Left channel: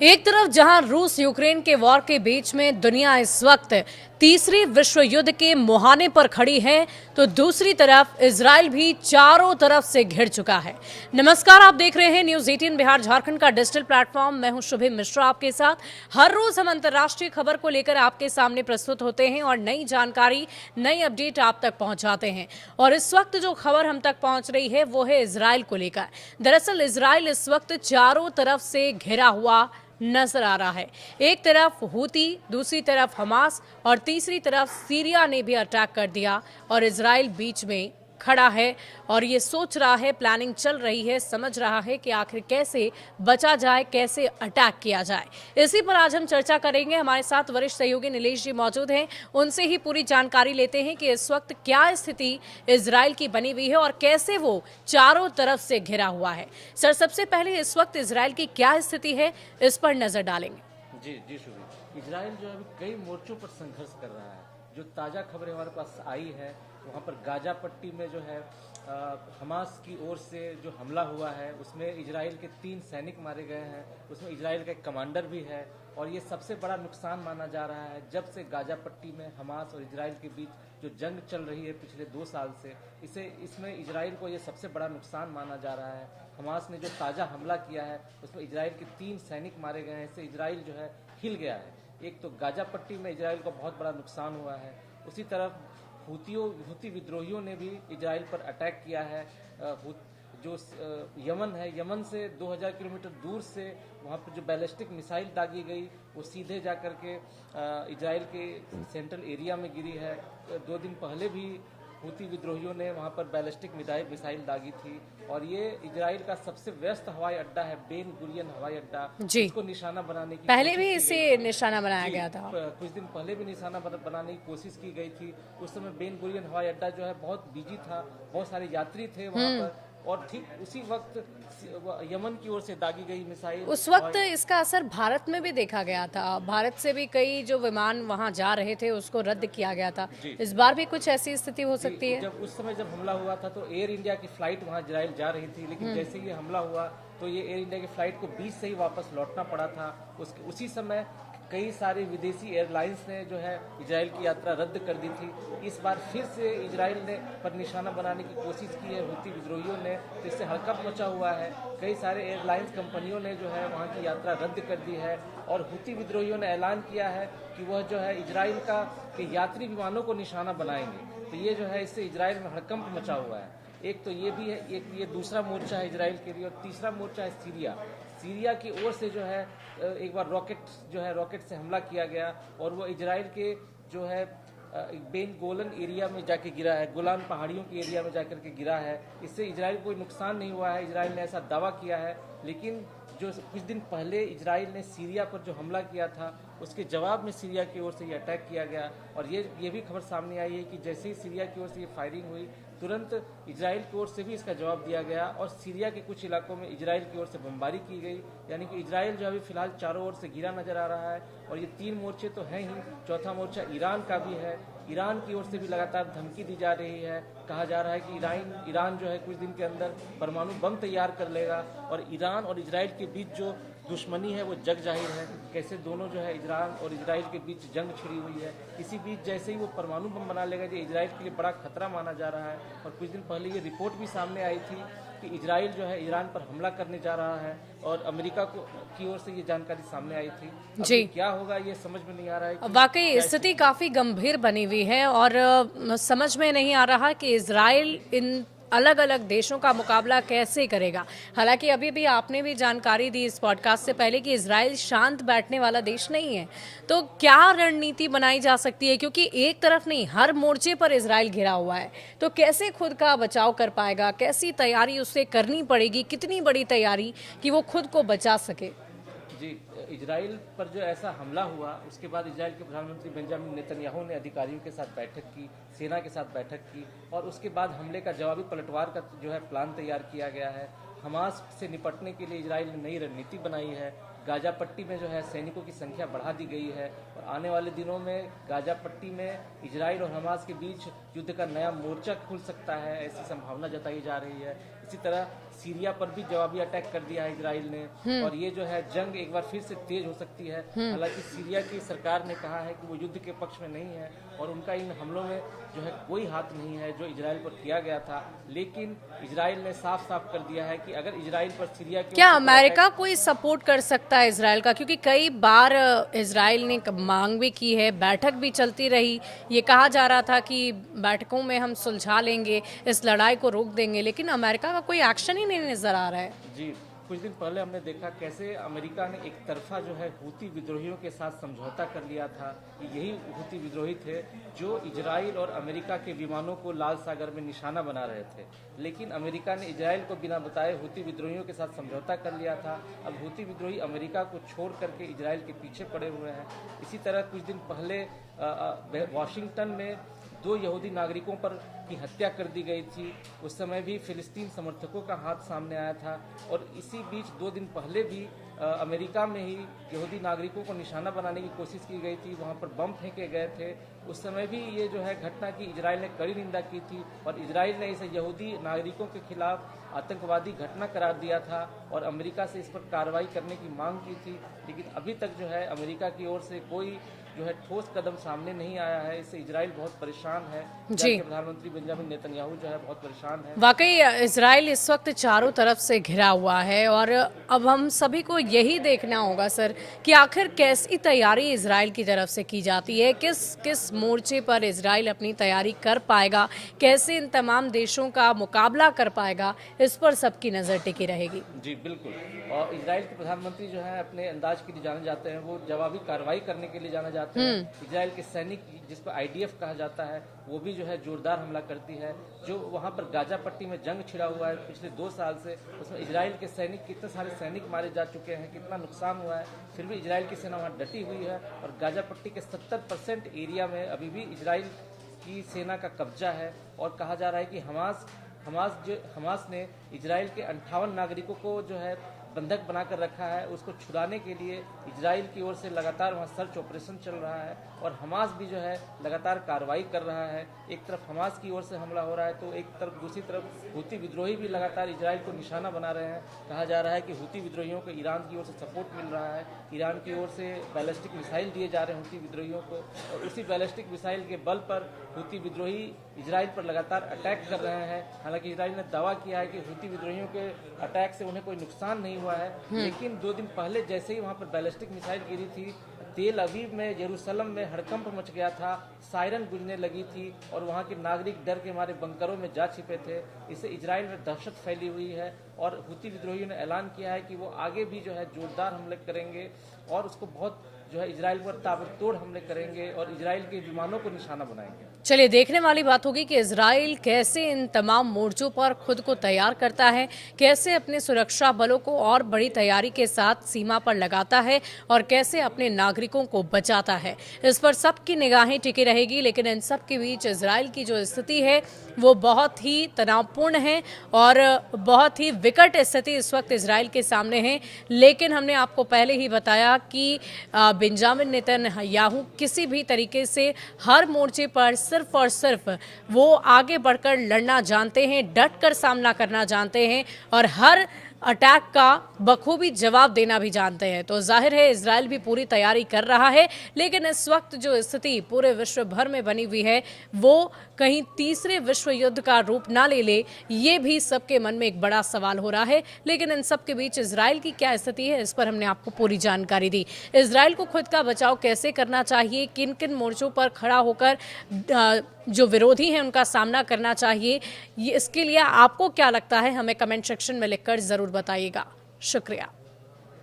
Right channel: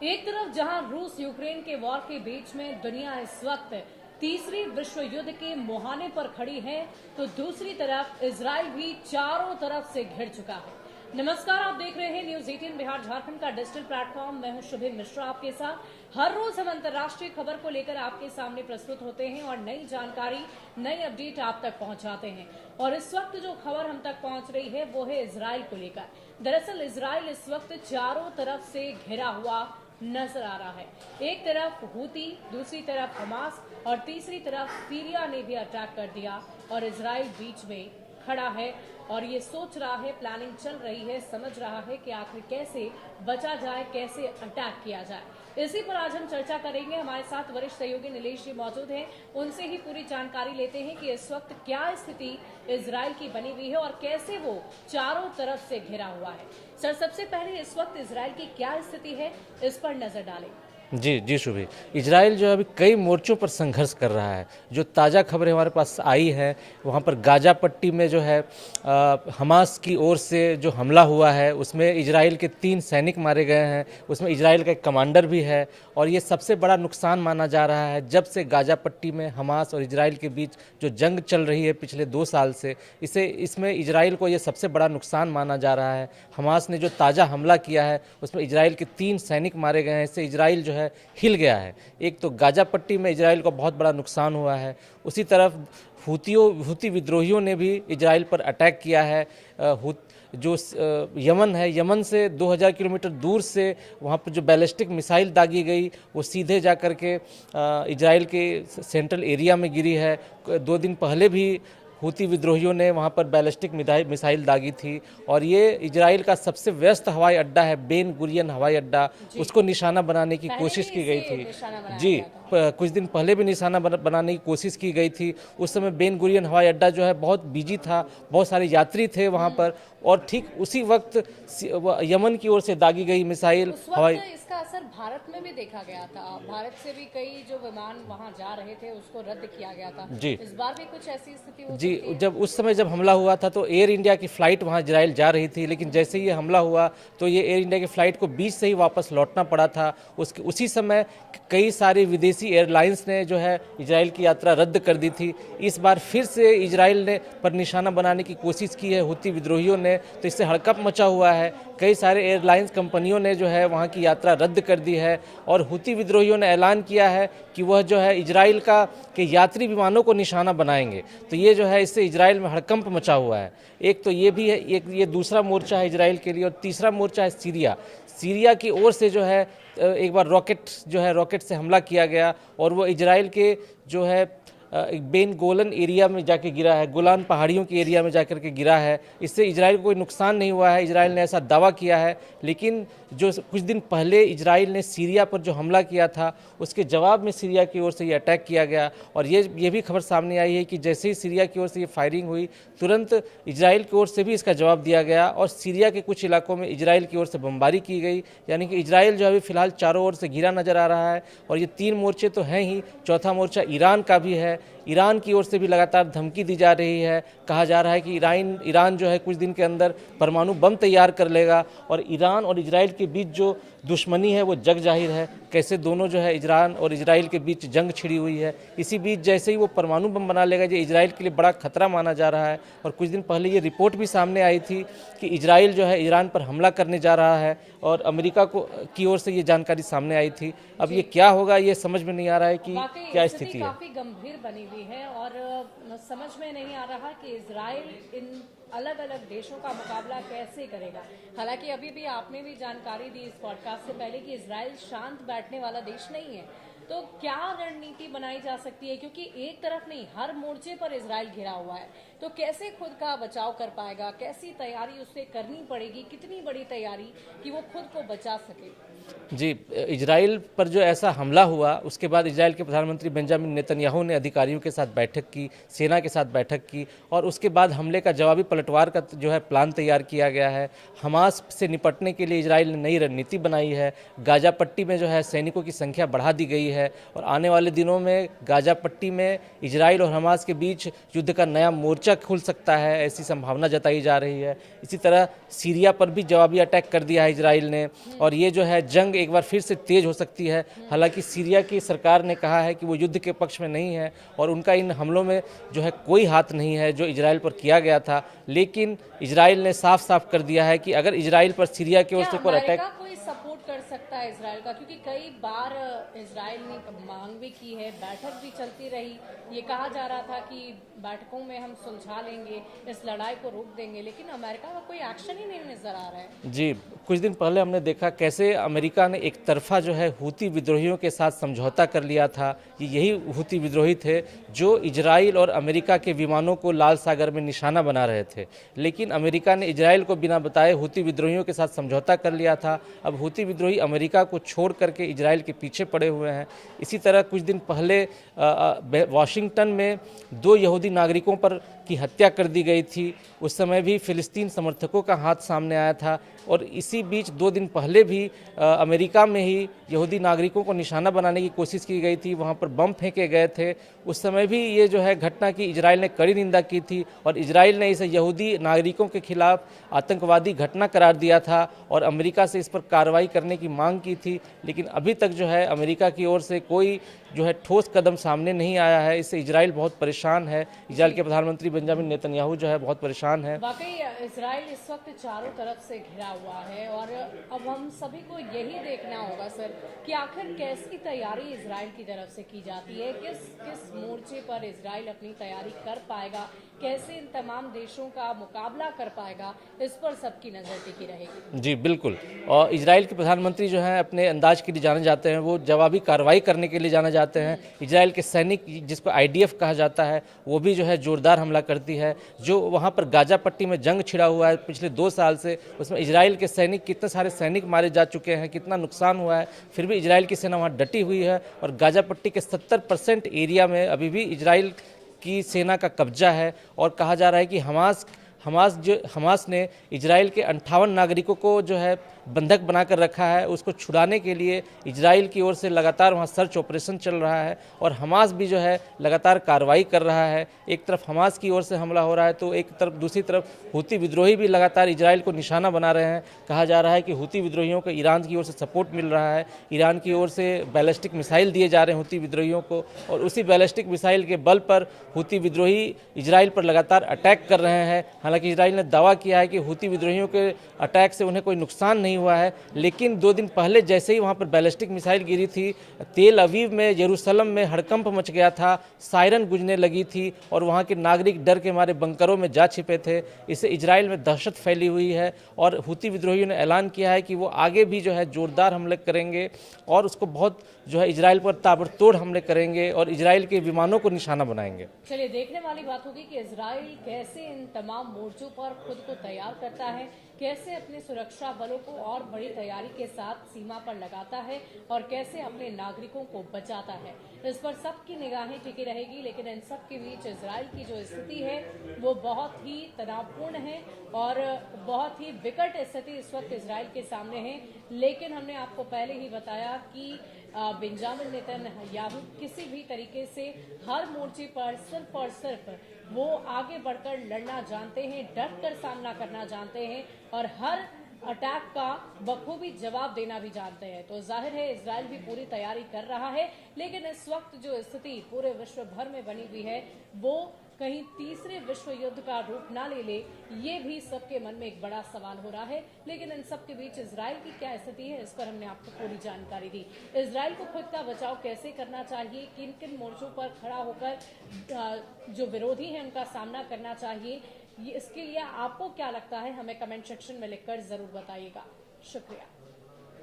एक तरफ जहां रूस यूक्रेन के वॉर के बीच में दुनिया इस वक्त तीसरे विश्व युद्ध के मुहाने पर खड़ी है, तो दूसरी तरफ इजराइल भी चारों तरफ से घिर चुका है। नमस्कार, आप देख रहे हैं न्यूज 18 बिहार झारखंड का डिजिटल प्लेटफॉर्म। मैं हूं शुभम मिश्रा आपके साथ। हर रोज हम अंतर्राष्ट्रीय खबर को लेकर आपके सामने प्रस्तुत होते हैं और नई जानकारी, नई अपडेट आप तक पहुंचाते हैं। और इस वक्त जो खबर हम तक पहुंच रही है वो है इजराइल को लेकर। दरअसल इजराइल इस वक्त चारों तरफ से घिरा हुआ नजर आ रहा है। एक तरफ हूती, दूसरी तरफ हमास और तीसरी तरफ सीरिया ने भी अटैक कर दिया और इजराइल बीच में खड़ा है और ये सोच रहा है, प्लानिंग चल रही है, समझ रहा है कि आखिर कैसे बचा जाए, कैसे अटैक किया जाए। इसी पर आज हम चर्चा करेंगे। हमारे साथ वरिष्ठ सहयोगी नीलेश जी मौजूद हैं, उनसे ही पूरी जानकारी लेते हैं कि इस वक्त क्या स्थिति इजराइल की बनी हुई है और कैसे वो चारों तरफ से घिरा हुआ है। सर, सबसे पहले इस वक्त इजराइल की क्या स्थिति है, इस पर नजर डालेंगे। जी शुभी। इजराइल जो है अभी कई मोर्चों पर संघर्ष कर रहा है। जो ताज़ा खबरें हमारे पास आई है, वहाँ पर गाजा पट्टी में जो है हमास की ओर से जो हमला हुआ है उसमें इजराइल के 3 सैनिक मारे गए हैं, उसमें इजराइल का एक कमांडर भी है। और ये सबसे बड़ा नुकसान माना जा रहा है जब से गाजा पट्टी में हमास और इजराइल के बीच जो जंग चल रही है पिछले 2 साल से, इसमें इजराइल को ये सबसे बड़ा नुकसान माना जा रहा है। हमास ने जो ताज़ा हमला किया है उसमें इजराइल के 3 सैनिक मारे गए हैं। इससे इजराइल जो है हिल गया है। एक तो गाजा पट्टी में इजराइल को बहुत बड़ा नुकसान हुआ है, उसी तरफ हूती विद्रोहियों ने भी इजराइल पर अटैक किया है। जो यमन है, यमन से 2000 किलोमीटर दूर से वहाँ पर जो बैलिस्टिक मिसाइल दागी गई वो सीधे जा कर के इजराइल के सेंट्रल एरिया में गिरी है। 2 दिन पहले भी हूती विद्रोहियों ने वहाँ पर बैलिस्टिक मिसाइल दागी थी। और ये इजराइल का सबसे व्यस्त हवाई अड्डा है, बेन गुरियन हवाई अड्डा, उसको निशाना बनाने की कोशिश की गई थी। निशाना बनाया जी, गया था। कुछ दिन पहले भी निशाना बनाने की कोशिश की गई थी। उस समय बेन गुरियन हवाई अड्डा जो है बहुत बिजी था, बहुत सारे यात्री थे वहाँ पर। और ठीक उसी वक्त यमन की ओर से दागी गई मिसाइल, उस वक्त इसका असर भारत में भी देखा गया था। भारत से भी कई जो विमान वहां जा रहे थे उसको रद्द किया गया था। इस बार भी कुछ ऐसी स्थिति हो सकती है? जब उस समय जब हमला हुआ था तो एयर इंडिया की फ्लाइट वहां इजराइल जा रही थी, लेकिन जैसे ही ये हमला हुआ तो ये एयर इंडिया की फ्लाइट को बीच से ही वापस लौटना पड़ा था। उसी समय कई सारे विदेशी एयरलाइंस ने जो है इजराइल की यात्रा रद्द कर दी थी। इस बार फिर से इजराइल ने पर निशाना बनाने की कोशिश की है हूती विद्रोहियों ने, तो इससे हड़कंप मचा हुआ है। कई सारे एयरलाइंस कंपनियों ने जो है वहाँ की यात्रा रद्द कर दी है और हूती विद्रोहियों ने ऐलान किया है कि वह जो है इजराइल के यात्री विमानों को निशाना बनाएंगे। तो ये जो है इससे इजराइल में हड़कंप मचा हुआ है। एक तो ये भी है, एक ये दूसरा मोर्चा है इजराइल के लिए। और तीसरा मोर्चा है सीरिया की ओर से जो है एक बार रॉकेट से हमला किया गया और वो इजराइल के जो है बेन गोलन एरिया में जाके गिरा है, गोलान पहाड़ियों के एरिया में जाकर के गिरा है। इससे इजराइल को कोई नुकसान नहीं हुआ है, इजराइल ने ऐसा दावा किया है। लेकिन जो कुछ दिन पहले इजराइल ने सीरिया पर जो हमला किया था उसके जवाब में सीरिया की ओर से ये अटैक किया गया। और ये भी खबर सामने आई है कि जैसे ही सीरिया की ओर से ये फायरिंग हुई तुरंत इजराइल की ओर से भी इसका जवाब दिया गया और सीरिया के कुछ इलाकों में इजराइल की ओर से बमबारी की गई। यानी कि इजराइल जो अभी फिलहाल चारों ओर से घिरा नजर आ रहा है। और ये 3 मोर्चे तो हैं ही, चौथा मोर्चा ईरान का भी है। ईरान की ओर से भी लगातार धमकी दी जा रही है। कहा जा रहा है कि ईरान जो है कुछ दिन के अंदर परमाणु बम तैयार कर लेगा। और ईरान और इजराइल के बीच जो दुश्मनी है वो जग जाहिर है। कैसे दोनों जो है ईरान और इजराइल के बीच जंग छिड़ी हुई है। इसी बीच जैसे ही वो परमाणु बम बना लेगा, ये इजराइल के लिए बड़ा खतरा माना जा रहा है। और कुछ दिन पहले ये रिपोर्ट भी सामने आई थी कि इजराइल जो है ईरान पर हमला करने जा रहा है और अमेरिका की ओर से ये जानकारी सामने आई थी। अब ये क्या होगा ये समझ में नहीं आ रहा है कि वाकई स्थिति काफी गंभीर बनी हुई है और समझ में नहीं आ रहा कि इजराइल इन अलग अलग देशों का मुकाबला कैसे करेगा। हालांकि अभी भी आपने भी जानकारी दी इस पॉडकास्ट से पहले कि इजराइल शांत बैठने वाला देश नहीं है। तो क्या रणनीति बनाई जा सकती है, क्योंकि एक तरफ नहीं हर मोर्चे पर इजराइल घिरा हुआ है, तो कैसे खुद का बचाव कर पाएगा, कैसी तैयारी उससे करनी पड़ेगी, कितनी बड़ी तैयारी कि वो खुद को बचा सके? जी, इजराइल पर जो ऐसा हमला हुआ उसके बाद इजराइल के प्रधानमंत्री बेंजामिन नेतन्याहू ने अधिकारियों के साथ बैठक की, सेना के साथ बैठक की और उसके बाद हमले का जवाबी पलटवार का जो है प्लान तैयार किया गया है। हमास से निपटने के लिए इजराइल ने नई रणनीति बनाई है। गाजा पट्टी में जो है सैनिकों की संख्या बढ़ा दी गई है और आने वाले दिनों में गाजा पट्टी में इजराइल और हमास के बीच युद्ध का नया मोर्चा खुल सकता है, ऐसी संभावना जताई जा रही है। इसी तरह सीरिया पर भी जवाबी अटैक कर दिया है इजराइल ने और ये जो है जंग एक बार फिर से तेज हो सकती है। हालांकि सीरिया की सरकार ने कहा है कि वो युद्ध के पक्ष में नहीं है और उनका इन हमलों में जो है कोई हाथ नहीं है जो इजराइल पर किया गया था, लेकिन इजराइल ने साफ साफ कर दिया है कि अगर इजराइल पर सीरिया के क्या अमेरिका कोई सपोर्ट कर सकता है इजराइल का? क्योंकि कई बार इजराइल ने मांग भी की है, बैठक भी चलती रही, ये कहा जा रहा था कि बैठकों में हम सुलझा लेंगे, इस लड़ाई को रोक देंगे, लेकिन अमेरिका का कोई एक्शन ही नहीं नजर आ रहा है। जी, कुछ दिन पहले हमने देखा कैसे अमेरिका ने एक तरफा जो है हूती विद्रोहियों के साथ समझौता कर लिया था कि यही हूती विद्रोही थे जो इजराइल और अमेरिका के विमानों को लाल सागर में निशाना बना रहे थे। लेकिन अमेरिका ने इजराइल को बिना बताए हूती विद्रोहियों के साथ समझौता कर लिया था। अब हूती विद्रोही अमेरिका को छोड़ करके इजराइल के पीछे पड़े हुए हैं। इसी तरह कुछ दिन पहले वाशिंगटन में 2 यहूदी नागरिकों पर की हत्या कर दी गई थी। उस समय भी फिलिस्तीन समर्थकों का हाथ सामने आया था और इसी बीच 2 दिन पहले भी अमेरिका में ही यहूदी नागरिकों को निशाना बनाने की कोशिश की गई थी, वहाँ पर बम फेंके गए थे। उस समय भी ये जो है घटना की इजराइल ने कड़ी निंदा की थी और इजराइल ने इसे यहूदी नागरिकों के खिलाफ आतंकवादी घटना करार दिया था और अमेरिका से इस पर कार्रवाई करने की मांग की थी। लेकिन अभी तक जो है अमेरिका की ओर से कोई जो है ठोस कदम सामने नहीं आया है। इससे इजराइल बहुत परेशान है। इजराइल के प्रधानमंत्री बेंजामिन नेतन्याहू जो है बहुत परेशान है। वाकई इजराइल इस वक्त चारों तरफ से घिरा हुआ है और अब हम सभी को यही देखना होगा सर कि आखिर कैसी तैयारी इजराइल की तरफ से की जाती है, किस किस मोर्चे पर इजराइल अपनी तैयारी कर पाएगा, कैसे इन तमाम देशों का मुकाबला कर पाएगा, इस पर सबकी नज़र टिकी रहेगी। जी बिल्कुल। और इजराइल के प्रधानमंत्री जो हैं अपने अंदाज के लिए जाने जाते हैं, वो जवाबी कार्रवाई करने के लिए जाने जाते हैं। इजराइल के सैनिक जिसको IDF कहा जाता है वो भी जो है जोरदार हमला करती है। जो वहाँ पर गाजा पट्टी में जंग छिड़ा हुआ है पिछले 2 साल से, उसमें इजराइल के सैनिक कितने सारे सैनिक मारे जा चुके हैं, कितना नुकसान हुआ है, फिर भी इजराइल की सेना वहाँ डटी हुई है और गाजा पट्टी के 70% एरिया में अभी भी इजराइल की सेना का कब्जा है। और कहा जा रहा है कि हमास ने इजराइल के 58 नागरिकों को जो है बंधक बनाकर रखा है। उसको छुड़ाने के लिए इजराइल की ओर से लगातार वहाँ सर्च ऑपरेशन चल रहा है और हमास भी जो है लगातार कार्रवाई कर रहा है। एक तरफ हमास की ओर से हमला हो रहा है तो एक तरफ दूसरी तरफ हूती विद्रोही भी लगातार इजराइल को निशाना बना रहे हैं। कहा जा रहा है कि हूती विद्रोहियों को ईरान की ओर से सपोर्ट मिल रहा है, ईरान की ओर से बैलिस्टिक मिसाइल दिए जा रहे हैं हूती विद्रोहियों को और उसी बैलिस्टिक मिसाइल के बल पर हूती विद्रोही इजराइल पर लगातार अटैक कर रहे हैं। हालांकि इजराइल ने दावा किया है कि हूती विद्रोहियों के अटैक से उन्हें कोई नुकसान नहीं हुआ है, लेकिन 2 दिन पहले जैसे ही वहाँ पर बैलिस्टिक मिसाइल गिरी थी, तेल अवीव में, यरूशलेम में हड़कंप मच गया था, सायरन गूंजने लगी थी और वहाँ के नागरिक डर के मारे बंकरों में जा छिपे थे। इससे इजराइल में दहशत फैली हुई है और हूती विद्रोहियों ने ऐलान किया है कि वो आगे भी जो है जोरदार हमले करेंगे और उसको बहुत जो है इजराइल पर ताबड़तोड़ हमले करेंगे और इजराइल के विमानों को निशाना बनाएंगे। चलिए देखने वाली बात होगी कि इजराइल कैसे इन तमाम मोर्चों पर खुद को तैयार करता है, कैसे अपने सुरक्षा बलों को और बड़ी तैयारी के साथ सीमा पर लगाता है और कैसे अपने नागरिकों को बचाता है। इस पर सबकी निगाहें टिकी रहेगी। लेकिन इन सब के बीच इजराइल की जो स्थिति है वो बहुत ही तनावपूर्ण है और बहुत ही विकट स्थिति इस वक्त इजराइल के सामने है। लेकिन हमने आपको पहले ही बताया कि बेंजामिन नेतन्याहू किसी भी तरीके से हर मोर्चे पर सिर्फ और सिर्फ वो आगे बढ़कर लड़ना जानते हैं, डट कर सामना करना जानते हैं और हर अटैक का बखूबी जवाब देना भी जानते हैं। तो जाहिर है इजराइल भी पूरी तैयारी कर रहा है। लेकिन इस वक्त जो स्थिति पूरे विश्व भर में बनी हुई है वो कहीं तीसरे विश्व युद्ध का रूप ना ले ले, ये भी सबके मन में एक बड़ा सवाल हो रहा है। लेकिन इन सब के बीच इजराइल की क्या स्थिति है, इस पर हमने आपको पूरी जानकारी दी। इजराइल को खुद का बचाव कैसे करना चाहिए, किन किन मोर्चों पर खड़ा होकर जो विरोधी हैं उनका सामना करना चाहिए, ये इसके लिए आपको क्या लगता है हमें कमेंट सेक्शन में लिखकर जरूर बताइएगा। शुक्रिया।